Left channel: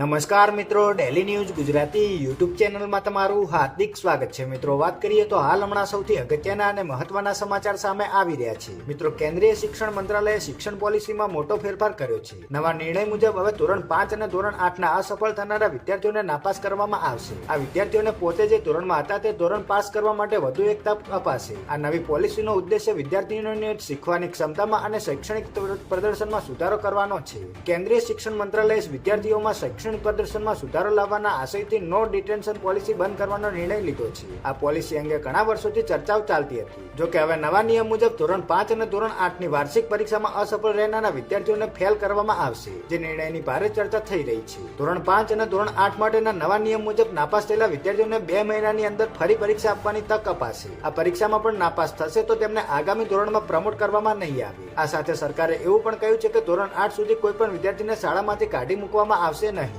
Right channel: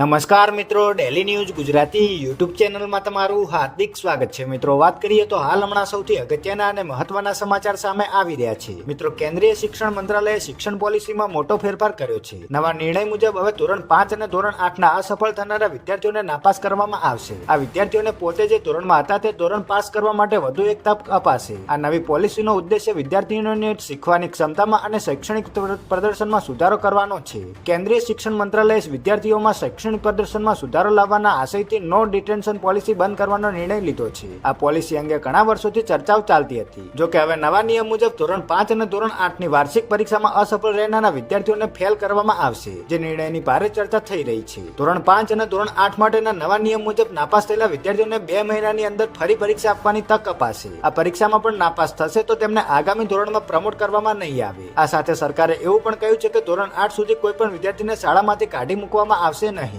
નમસ્કાર મિત્રો, daily news Gujarati YouTube ચેનલમાં તમારું હાર્દિક સ્વાગત છે. મિત્રો, વાત કરીએ તો હાલ હમણાં સૌથી અગત્યના અને મહત્વના સમાચાર સામે આવી રહ્યા છે. મિત્રો, કેન્દ્રીય શિક્ષણ મંત્રાલયે શિક્ષણ પોલિસીમાં મોટો ફેરફાર કર્યો છે. નવા નિર્ણય મુજબ હવે ધોરણ 5 અને ધોરણ 8ના અસફળ થનારા વિદ્યાર્થીઓને નાપાસ કરવામાં આવશે. આ વિદ્યાર્થીઓને પોતે જે ધોરણમાં હતા તે ધોરણ પાસ કરવા માટે વધુ એક તક અપાશે. આ નવી પોલિસીનો ઉદ્દેશ્ય વિદ્યાર્થીઓની શીખવાની ક્ષમતામાં અને શૈક્ષણિક પ્રદર્શનમાં સુધારો કરવાનો છે. કેન્દ્રીય શિક્ષણ મંત્રાલયે વિદ્યાર્થીઓમાં શૈક્ષણિક પ્રદર્શનમાં સુધારો લાવવાના આશયથી નો ડિટેન્શન પોલિસી બંધ કરવાનો નિર્ણય લીધો છે. આ પોલિસી અંગે ઘણા વર્ષોથી ચર્ચાઓ ચાલતી હતી. જો કે હવે નવા નિયમ મુજબ ધોરણ 5 અને ધોરણ 8ની વાર્ષિક પરીક્ષામાં અસફળ રહેનારા વિદ્યાર્થીઓને ફેલ કરવામાં આવશે, જે નિર્ણયની ભારે ચર્ચા થઈ રહી છે. ધોરણ 5 અને ધોરણ 8 માટેના નવા નિયમ મુજબ નાપાસ થયેલા વિદ્યાર્થીઓને 2 મહિનાની અંદર ફરી પરીક્ષા આપવાની તક અપાશે. આ પરીક્ષામાં પણ નાપાસ થશે તો તેમને આગામી ધોરણમાં પ્રમોટ કરવામાં નહીં આવે. આ સાથે સરકારે એવું પણ કહ્યું છે કે ધોરણ 8 સુધી કોઈ પણ વિદ્યાર્થીને શાળામાંથી કાઢી મૂકવામાં આવશે નહીં.